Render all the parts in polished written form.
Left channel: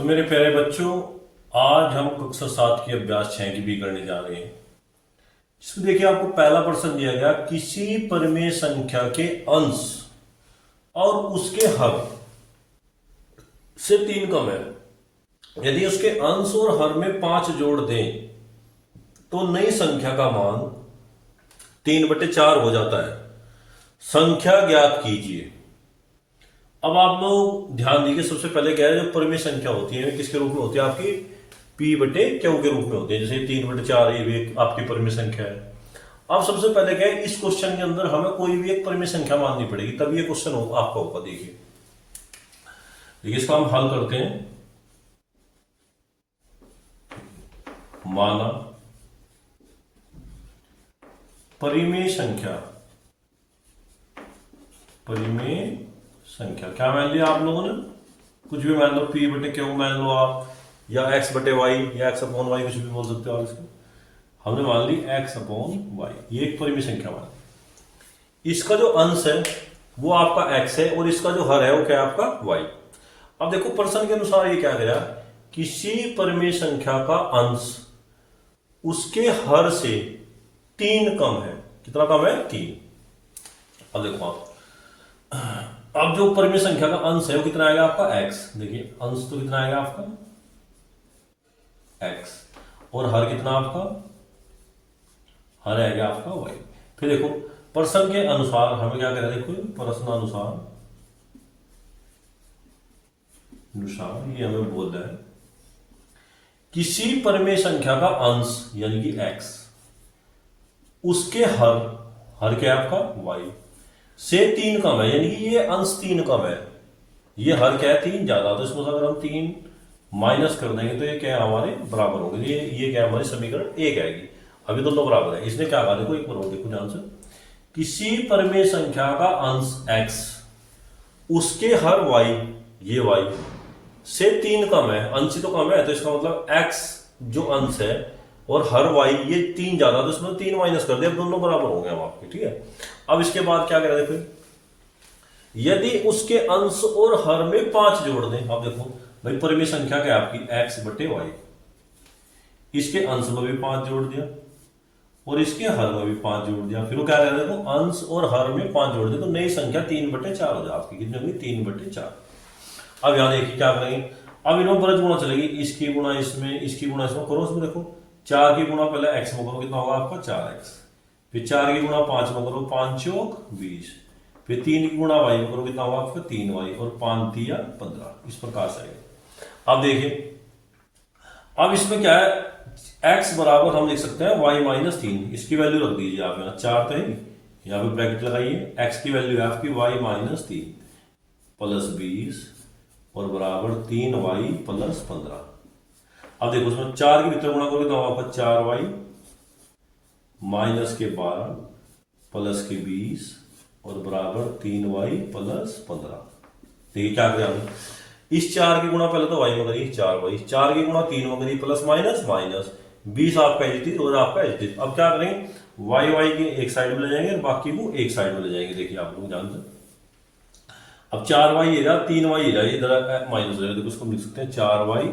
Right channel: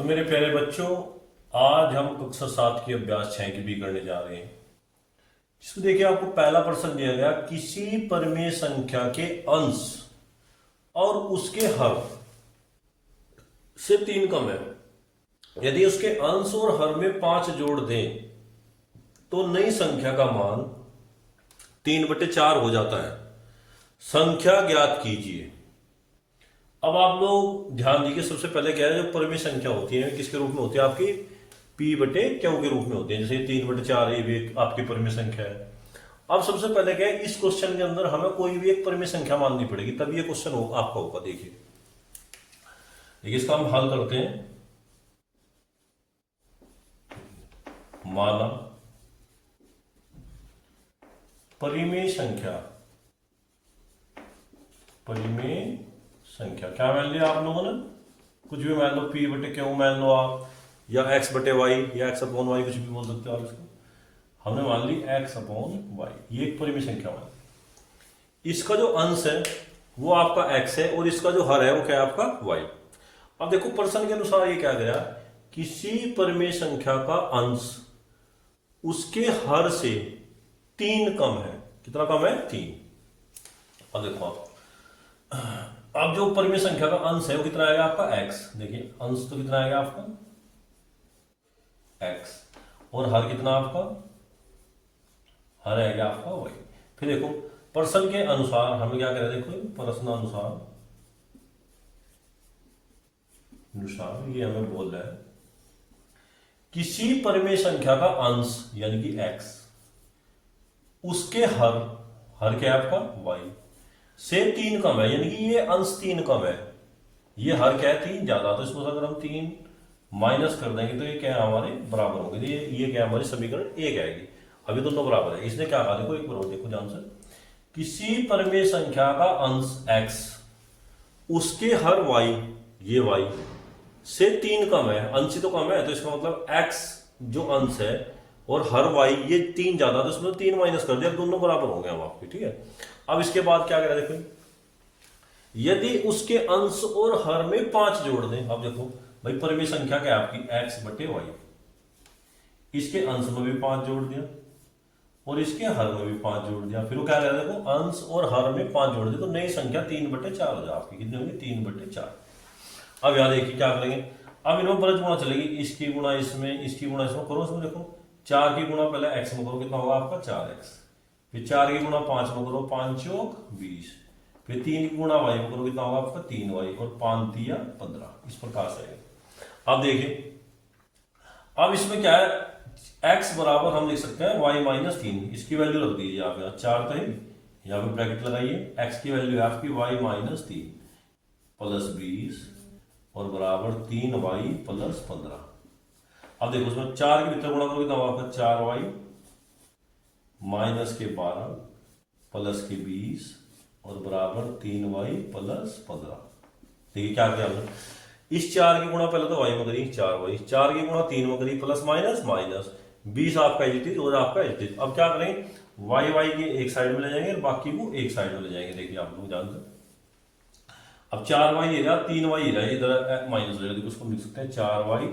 तो मेरे प्यारे बच्चों, आज हम कक्षा 7 की अभ्यास 6 की भी करने जा रहे हैं। इसमें देखिए, आपको पहला प्रश्न दिया गया, किसी परिमेय संख्या के अंश और उसके हर से 3 कम है। यदि उसके अंश और हर में 5 जोड़ दें तो नई संख्या का मान 3/4 हो जाता है। संख्या ज्ञात कीजिए। अब आप लोग ध्यान दीजिए, सबसे पहले क्या है, जो परिमेय संख्या होती है किसके रूप में होती है, आपकी P/Q के रूप में होती है। जैसे 3/4 ये भी एक आपकी परिमेय संख्या है। अब सबसे पहले क्या है, इस क्वेश्चन के अंदर हमें कोई भी एक परिमेय संख्या माननी पड़ेगी, तब ये क्वेश्चन आपका होगा। देखिए इसका हम हल करते हैं। माना परिमेय संख्या क्या मान लिया आप लोगों ने, कुछ भी मान लो, P/Q मान लो आप, या X/Y या X/Y, कुछ भी बोल सकते हो आप इसको। हमने मान ली X/Y, ये एक परिमेय संख्या मान। इसका जो अंश है वो आपका X है और इसका जो हर है वो क्या है आपका Y। अब देखो प्रश्न के अनुसार ये क्या कह रहा है, किसी परिमेय संख्या का अंश उसके हर से 3 कम है। कितना कम है? 3। अब देखो आप, अब जो परिमेय संख्या का अंश है वो कितना आएगा आपका X। देखिए अंश तो कितना आएगा आपका X, और हर कितना आपका, हर आएगा आपका Y। फिर देखो प्रश्न के अनुसार हमें क्या करें, देखो प्रश्न अनुसार ये हमें बोल रहा है, किसी परिमेय संख्या का अंश यानी कि X उसके हर क्या है आपका Y से 3 कम है, यानी कि ये अंश 3 कम है, ये हर क्या है 3 ज्यादा। तो इसको अगर हम 3 माइनस कर देंगे तो ये क्या है हमारे बराबर होंगे। ये क्या है हमारी समीकरण 1 आएगी। अभी दोनों बराबर है। इसने क्या कहा, देखो एक बार देखो ध्यान से, किसी परिमेय संख्या का अंश X उसके हर Y, ये Y से 3 कम है, अंश ही तो कम है, तो इसका मतलब X जो अंश है और हर Y ये 3 ज्यादा, तो इसमें 3 माइनस कर दिया, दोनों बराबर हो गए हम आपके। ठीक है, अब इसके बाद क्या करें, देखो यदि उसके अंश और हर में 5 जोड़ दें। अब देखो भाई परिमेय संख्या क्या है आपकी X/Y, इसके अंश में भी 5 जोड़ दिया और इसके हर में भी 5 जोड़ दिया। फिर वो क्या करें, देखो अंश और हर में 5 जोड़ दे तो नई संख्या 3/4 हो जाए आपकी। कितनी होगी? 3/4। अब यहां देखिए क्या करेंगे, अब इन्होंने ब्रज गुणा चलेगी, इसकी गुणा इसमें, इसकी गुणा इसमें करो। उसमें देखो 4 की गुणा पहले X में करो, कितना होगा आपका 4X। फिर 4 की गुणा 5 में करो, 5 चौक 20। फिर 3 की गुणा Y में करो, कितना होगा आपका 3Y, और 5 3 15। इस प्रकार से आएगा। अब देखिए, अब इसमें क्या है, X बराबर हम लिख सकते हैं Y-3। इसकी वैल्यू रख दीजिए आप यहाँ, 4 तो है, यहाँ पे ब्रैकेट लगाइए। X की वैल्यू है आपकी Y-3 प्लस 20 और बराबर 3Y प्लस 15। अब देखो उसमें 4 के भीतर गुणा करोगे तो आपका 4Y माइनस के 12 प्लस के 20 और बराबर 3Y प्लस 15। देखिए क्या करें, इस 4 की गुणा पहले तो Y में करिए 4Y, 4 की गुणा 3 में करिए प्लस माइनस माइनस 20 आपका एच और आपका एच। अब क्या करेंगे, Y के एक साइड में ले जाएंगे और बाकी को एक साइड में ले जाएंगे। देखिए आप लोग जानते, अब 4Y ये रहा, 3Y ये रहा, इधर माइनस हो जाएगा। देखो उसको लिख सकते हैं 4Y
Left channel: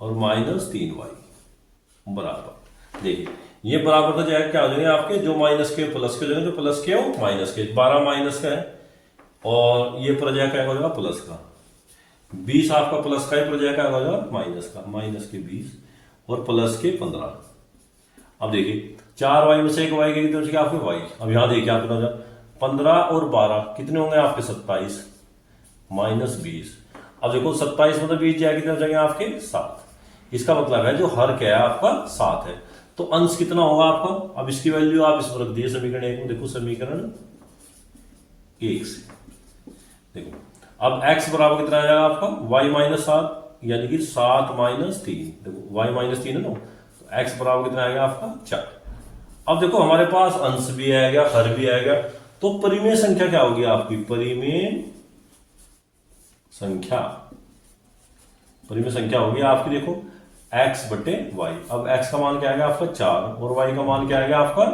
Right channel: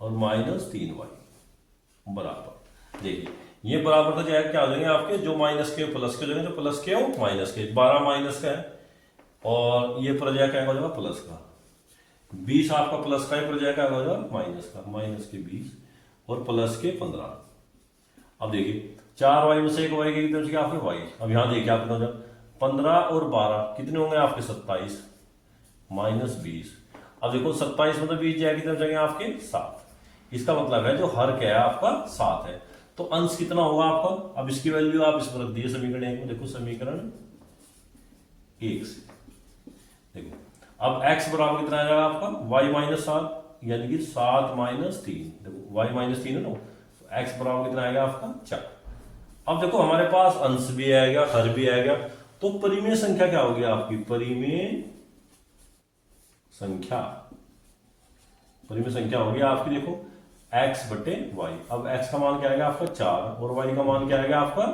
और माइनस 3Y बराबर। देखिए ये बराबर तो जाएगा क्या हो जाएंगे आपके, जो माइनस के प्लस के हो जाएंगे, जो प्लस के हो माइनस के। 12 माइनस का है और ये प्रजा क्या हो जाएगा प्लस का। 20 आपका प्लस का है, प्रजा क्या हो जाएगा माइनस का, माइनस के 20 और प्लस के 15। अब देखिए 4Y में से एक Y की तरफ से आपके Y। अब यहाँ देखिए आप कितना 15 और 12 कितने होंगे आपके 27 माइनस 20। अब देखो 27 में तो 20 जाएगी कितने जाएंगे आपके 7। इसका मतलब है जो हर क्या है आपका 7 है, तो अंश कितना होगा आपका। अब इसकी वैल्यू आप इसमें रख दिए समीकरण 1 में। देखो समीकरण 1 से देखो, अब x बराबर कितना आएगा आपका Y-7, यानी कि 7 माइनस 3। देखो Y-3 है ना, तो x बराबर कितना आएगा आपका 4। अब देखो हमारे पास अंश भी आएगा, हर भी आएगा, तो परिमेय संख्या क्या होगी आपकी, परिमेय संख्या होगी आपकी, देखो X/Y। अब x का मान क्या आएगा आपका 4 और y का मान क्या आएगा आपका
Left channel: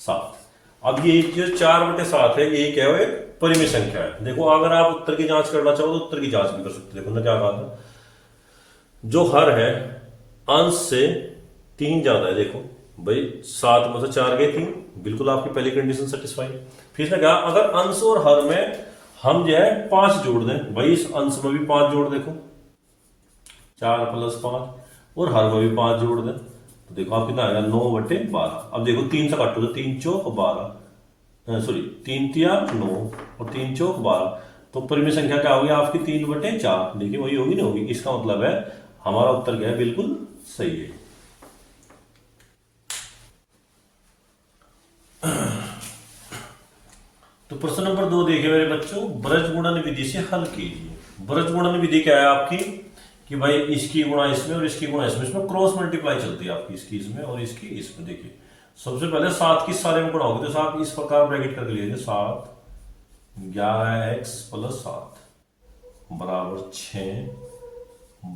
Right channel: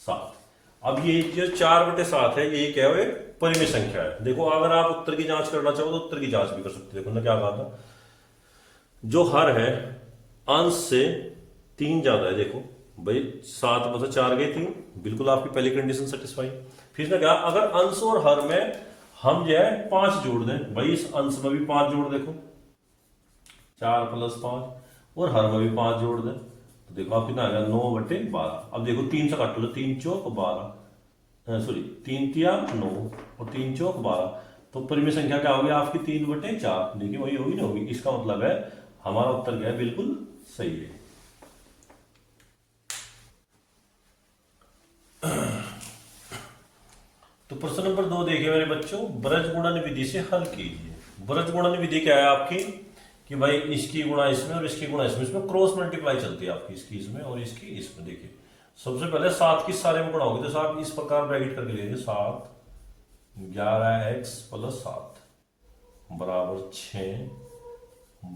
7। अब ये जो 4/7 है ये क्या है, परिमेय संख्या है। देखो अगर आप उत्तर की जांच करना चाहो तो उत्तर की जांच भी कर सकते हो। देखो ना क्या कहा था, जो हर है अंश से 3 ज्यादा है, देखो भाई 7 में से 4 गए 3, बिल्कुल आपकी पहली कंडीशन सेटिस्फाई। फिर इसने कहा अगर अंश और हर में हम जो है 5 जोड़ दें, भाई इस अंश में भी 5 जोड़, देखो 4 + 5, और हर में भी 5 जोड़ दें, तो देखो आप कितना आएगा 9/12। अब देखो 3 से काटो तो 3 चौक 12, सॉरी 3 तिया 9 और 3 चौक 12, तो परिमेय संख्या क्या होगी आपकी 3/4। देखिए वही होगी, नहीं होगी, इसका मतलब है हमारा उत्तर क्या है, बिल्कुल सही है। तो प्रश्न नंबर 2 देखिए मेरे बच्चों, ब्रज गुणन विधि से हल कीजिए। ब्रज गुणन विधि क्या है आपकी कि भाई इसकी गुणा इसमें और इसकी गुणा इसमें, इसमें क्रॉस मल्टीप्लाई चलती है आपकी, इसकी इसमें और इसकी इसमें। देखिए सबसे पहले 7 की सारे में गुणा होगी, तो 7 इस प्रकार ब्रैकेट करके लिए 7 11x + 7 बराबर 6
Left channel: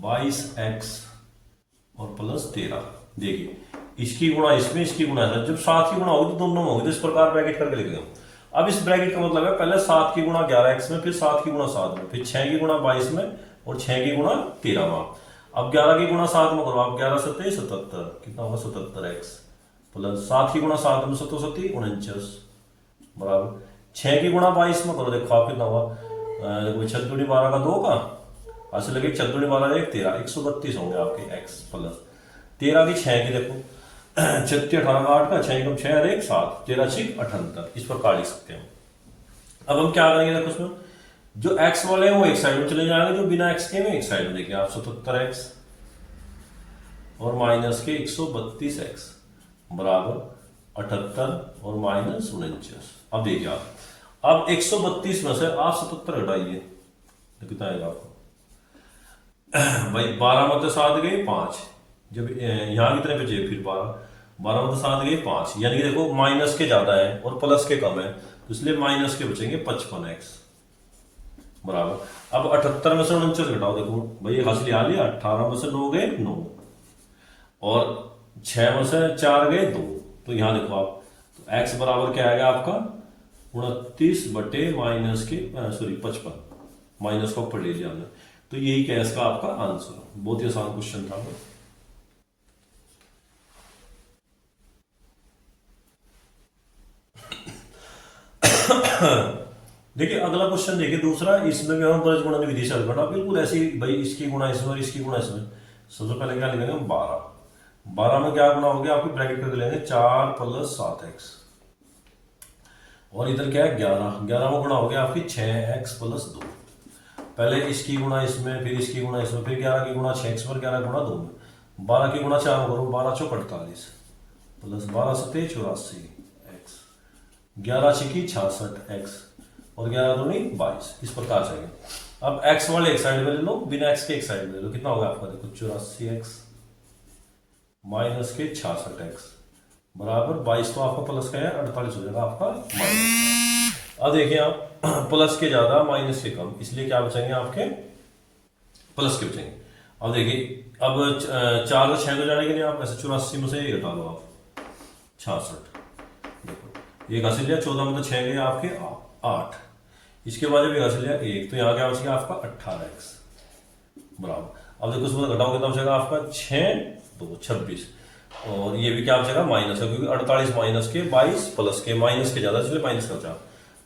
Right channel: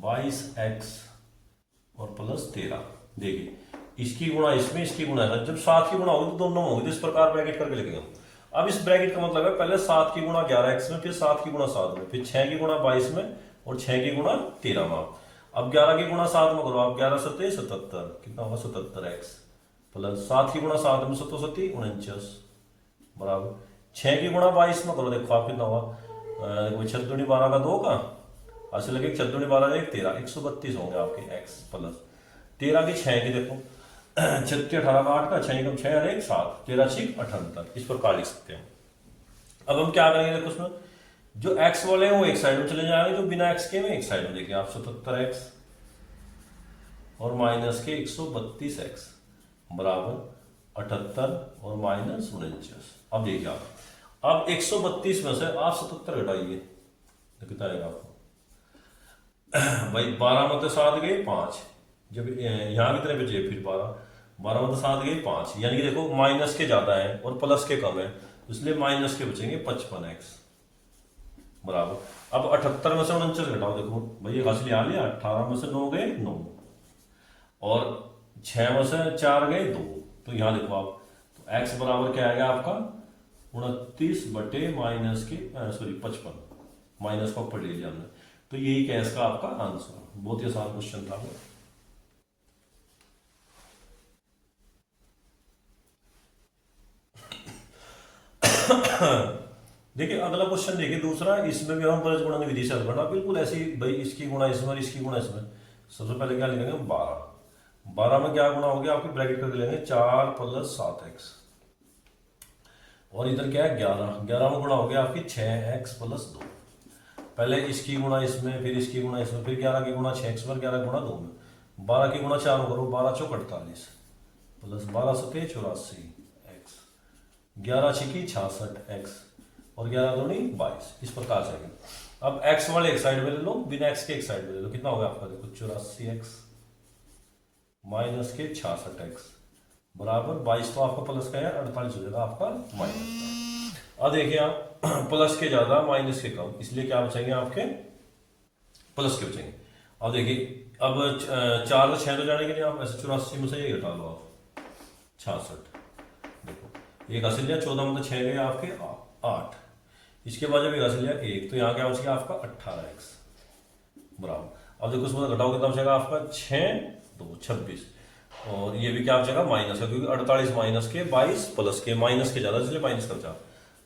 22x और +13। देखिए इसकी गुणा इसमें, इसकी गुणा इसमें, जब 7 की गुणा होगी तो दोनों में होगी, तो इस प्रकार ब्रैकेट करके लिखेंगे। अब इस ब्रैकेट का मतलब है पहले 7 की गुणा 11x में, फिर 7 की गुणा 7 में, फिर 6 की गुणा 22 में और 6 की गुणा 13 में। अब 11 की गुणा 7 में करो आप, 11 × 7 = 77, कितना होगा 77x प्लस 7 की गुणा 7 में 7 × 7 = 49 बराबर 6 की गुणा 22 में करो, देखो आप कितना होगा, देखो 6 दूनी 12 का 2 का ऐसे लगे, 6 दूनी 12 1 13, 132 होंगे आपके x प्लस 13 की 6 की, देखो 36 18 का 8 का 6 कम 6 और 1 7, 13 6 78, इस प्रकार लिख सकते हैं। अब हम क्या करेंगे, देखो उसमें जो x वाले हैं वो एक साइड में चले जाएंगे, जो बिना x के में एक साइड में। देखिए आप 77x और माइनस के 132x बराबर 78 और माइनस 49। अब देखिए आप, अब 132 में से आप 77 घटाइए तो कितना आएगा आपको, भाई 12 में तो 7 गए 5, जब यहाँ कितने बचे फिर 12 में तो 7 गए 5, यानी कि देखो माइनस के ज्यादा है और प्लस के कम है, तो इसलिए माइनस के बचेंगे 55x बराबर। अब 78 में से 49 घटाओ, देखो भाई हासिल यहाँ लिया, 18 में से 9 गए 9 और 6 में से 4 गए 2, तो यहाँ देखो आप, तो x बराबर क्या आएगा आपका 29 बटे माइनस के सॉरी 55, माइनस को ऊपर ले लिया हमने, तो यही क्या इसका आपका आंसर। बहुत ही आसान क्वेश्चन था। देखिए अगला क्वेश्चन देखिए दूसरा, इसमें भी हम ब्रज गुणन विधि से हल करना, बिल्कुल ऐसी भाई इसकी गुणा इसमें और इसकी गुणा इसमें। सबसे पहले क्या लिखेंगे 12 में क्या गुणा हो गया आपकी, ब्रैकेट करके लेंगे 4 + 7x और इधर क्या है 11 में गुणा हो गया आपकी 6x + 2। पहले इसकी गुणा इसमें, फिर इसकी गुणा इसमें, फिर 11 की गुणा 6x पर, 11 गुणा 2 में, 12 की गुणा 4 में करो, 12 × 48 प्लस 12 × 7 = 84x, 11 × 6 = 66x और 11 दूनी 22, इस प्रकार से आएगा। अब x वाले एक साइड में ले लो, बिना x के एक साइड में ले लो, कितना होगा आपका, देखो 84x माइनस के 66x बराबर 22 को आपका प्लस का है 48 हो जाएगा आपका माइनस। अब देखिए आप प्लस के ज्यादा माइनस के कम, इसलिए क्या बचेंगे आपके प्लस के बचेंगे। अब देखिए अब 4 से 6 तो जाने के लिए आप ऐसे 84 में से 1 घटा लो आप 66, देखो एक हासिल लिया, 14 में तो 6 गए आपके 8, इसके बाद जब एक हासिल लिया 1, तो यहाँ क्या बचेगा आपका 18x बराबर। अब देखो उसमें घटाओ कितना बचेगा आपका 6 2 26 और ये भी क्या बचेगा माइनस है, क्योंकि 48 माइनस के 22 प्लस के माइनस के ज्यादा, इसलिए माइनस का बचा,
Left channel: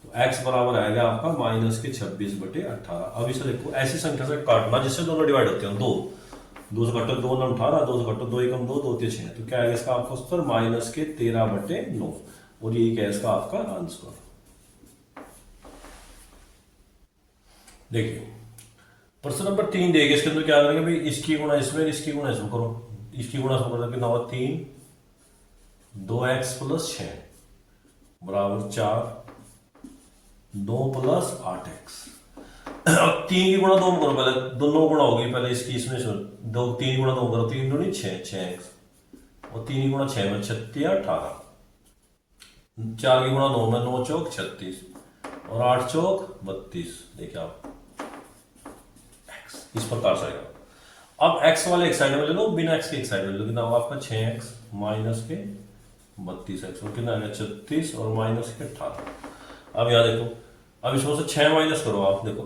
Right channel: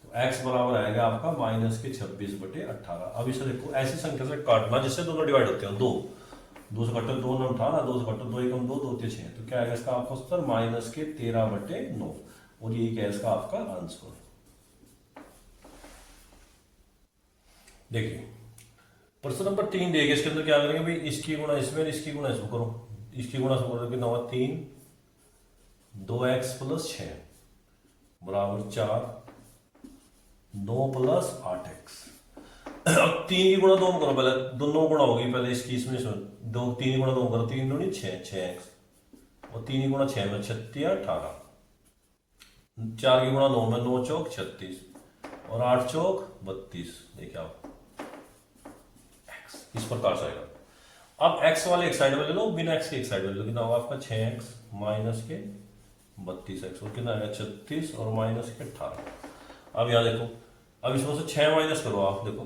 तो x बराबर आएगा आपका माइनस के 26 बटे 18। अब इसे देखो ऐसी संख्या से काटना जिससे दोनों डिवाइड होते हैं, 2 से काटो 2 9 18, 2 से काटो 2 1 2 2 3 6, तो क्या आएगा इसका आपका उत्तर माइनस के 13 बटे 9, और यही क्या है इसका आपका आंसर। देखिए प्रश्न नंबर 3 देखिए, इसके अंदर क्या करेंगे भाई, इसकी गुणा इसमें, इसकी गुणा इसमें करो, इसकी गुणा इसमें करो, कितना होगा 3 2x + 6 बराबर 4 2 + 8x। अब 3 की गुणा 2 में करो, पहले दोनों गुणा होगी, पहले इसकी इसमें 2 3 गुणा 2 करो, 3 दूनी 6 6x और 3 की गुणा 6 में 36 18, 4 की गुणा 9 में 9 चौक 36 और 8 चौक 32, देखिए आप इस प्रकार से आएगा। अब x वाले एक साइड में ले लो, बिना x के एक साइड में ले लो, कितना होगा आपका 6x माइनस के 32x और कितना आएगा 36 और माइनस के 18। अब यहाँ देखो, अब इसमें से 6 माइनस करो आप, देखो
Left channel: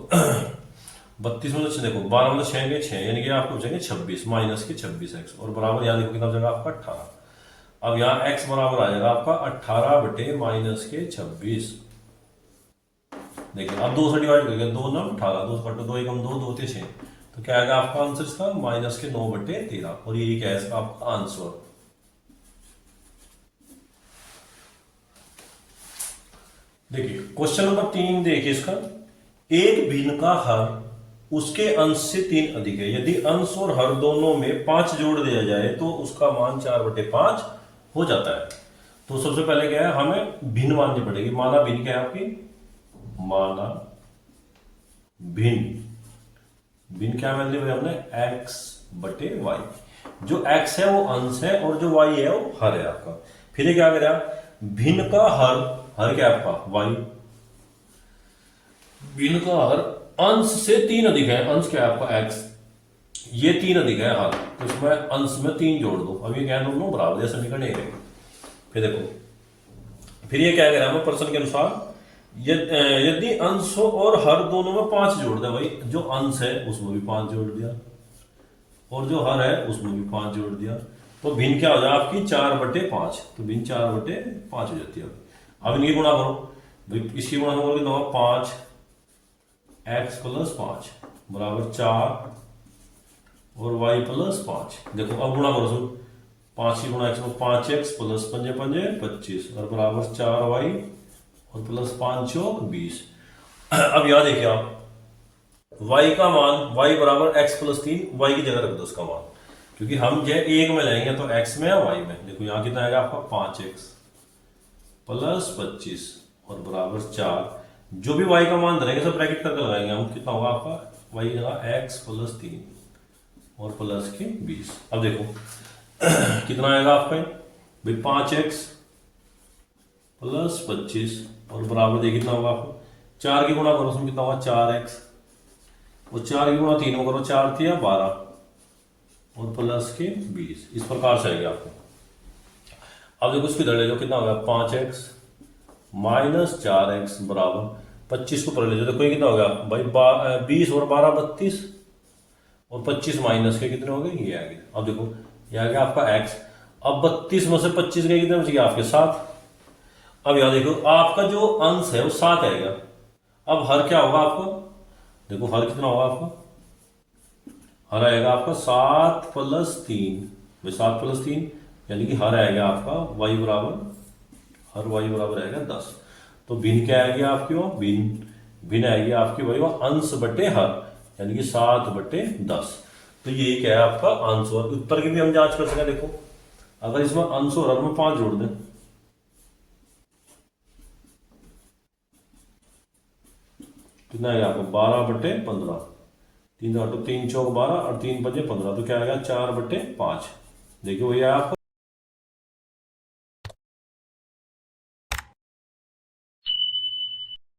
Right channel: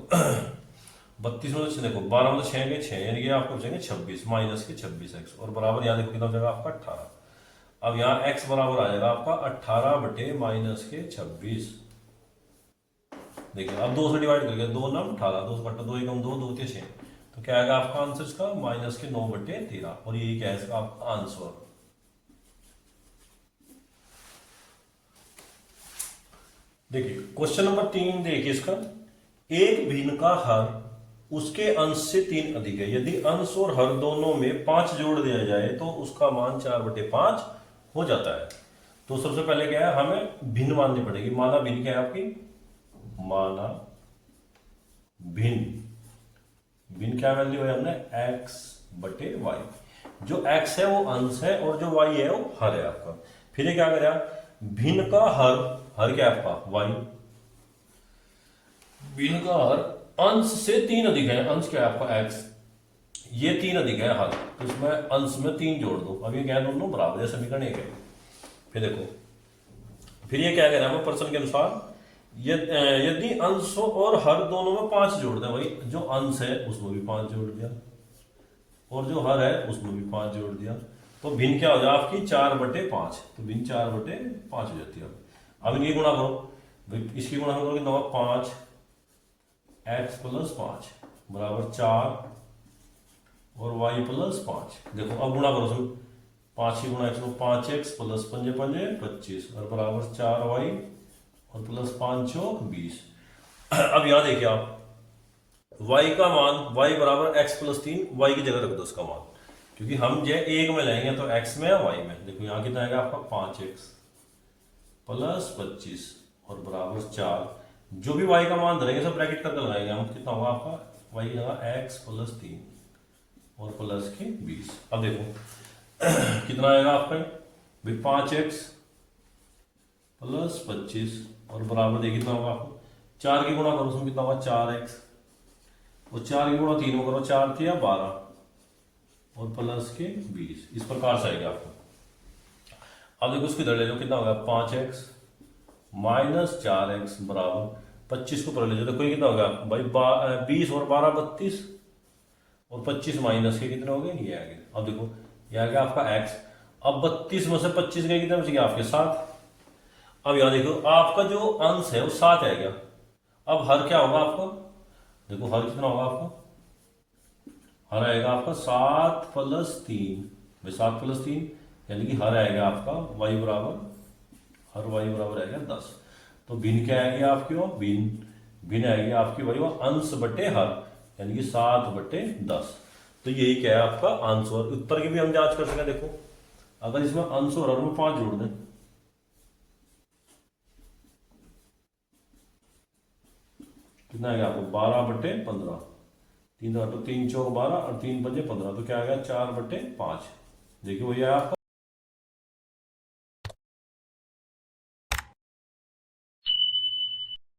32 में से देखो 12 में 6 गए 6, यानी कि आपको बचेंगे 26 माइनस के 26x, और बराबर यहाँ देखो कितना हो जाएगा आपका 18। अब यहाँ x बराबर आ जाएगा आपका 18 बटे माइनस के 26। देखिए अब 2 से डिवाइड करके 2 9 18, 2 से 2 एकम 2, 2 6, तो क्या आएगा आपका आंसर इसका माइनस के 9 बटे 13, और यही क्या है इसका आपका आंसर। देखिए क्वेश्चन नंबर 3 देखिए इसका, एक भिन्न का हर उसके अंश से 3 अधिक है, यदि अंश और हर दोनों में 5 जोड़ दिया जाए तो उसका मान 4/5 हो जाता है। तो सबसे पहले क्या है, हमें भिन्न माननी पड़ेगी। माना भिन्न क्या है आपकी, माना भिन्न, भिन्न क्या मान ली भाई हमने, x/y। जो x है वो अंश है और जो y है वो हर है आपका। फिर ये क्या करें, भिन्न का हर, हर क्या है आपका y, भिन्न का हर अंश से 3 अधिक है, अंश क्या है आपका x, ये 3 अधिक है हर, तो इसमें अंश में 3 जोड़ दो। अब ये क्या दोनों बराबर है, समीकरण 1 है। फिर देखो, फिर ये क्या कह रहा है प्रश्न के अनुसार, यदि अंश और हर दोनों में 5 जोड़ दे, भाई जो अंश है उसमें भी 5 जोड़ दिया और जो हर है उसमें भी 5 जोड़ दिया, तो भिन्न क्या हो जाए आपकी 4/5, तो भिन्न 4/5 हो जाती है। अब इनकी गुणा करो, भाई इसकी गुणा करोगे तो 5 x + 5 बराबर 4 और y + 5। देखो अब गुणा करो सब, 5 की गुणा x में 5x + 5 5 25 और बराबर 4y और + 5 चौक 20। अब यहां देखिए आप, y का मान, y बराबर x + 3, y की जगह रख दो उसका मान, क्योंकि हम जो एक में लेंगे तो x में या y में। देखो यहाँ कितना आएगा आपका 5x + 25 और बराबर 4, जो भी y का मान धरेंगे सब ब्रैकेट करके लगाएंगे हम, कितना होगा आपका y होगा x + 3 और प्लस के 20। अब देखो कितना आएगा आपका भाई, 5x + 25 और बराबर देखिए कितना होगा आपको, 4 की गुणा करो उसमें कितना होगा 4x, और 4 की गुणा 3 में करो 4 थी 12 और प्लस के 20, इस प्रकार से आएगा आपको। अब देखो उसकी ले लो, कितना होगा 5x - 4x बराबर 25 को पढ़ लीजिए। देखो ये कितना होगा भाई 20 और 12 32 और 25 माइनस के कितने हो गए, ये आ गए। अब देखो ये आ गया आपका x। अब 32 में से 25 गए कितने बच गए आपके 7। अब यहां देखो आपका जो अंश है वो 7 आएगा। अब हर क्या होगा आपको, देखो हर कितना होगा आपका, हर आएगा आपका 7 + 3, 7 + 3 यानी कि हर आएगा आपका y बराबर, हर y बराबर आएगा 10। तो भिन्न क्या आएगी आपकी, वो भिन्न आएगी आपकी वही अंश बटे हर, यानी कि 7/10। तो ये क्या है आपका आंसर। उत्तर की भी हम जांच कर सकें। देखो अगर इसमें अंश और हर में 5 जोड़ दें, कितना आएगा आपको 12/15, 3 3 चौक 12 और 3 5 15, तो क्या आएगा 4/5। देखिए वही आपका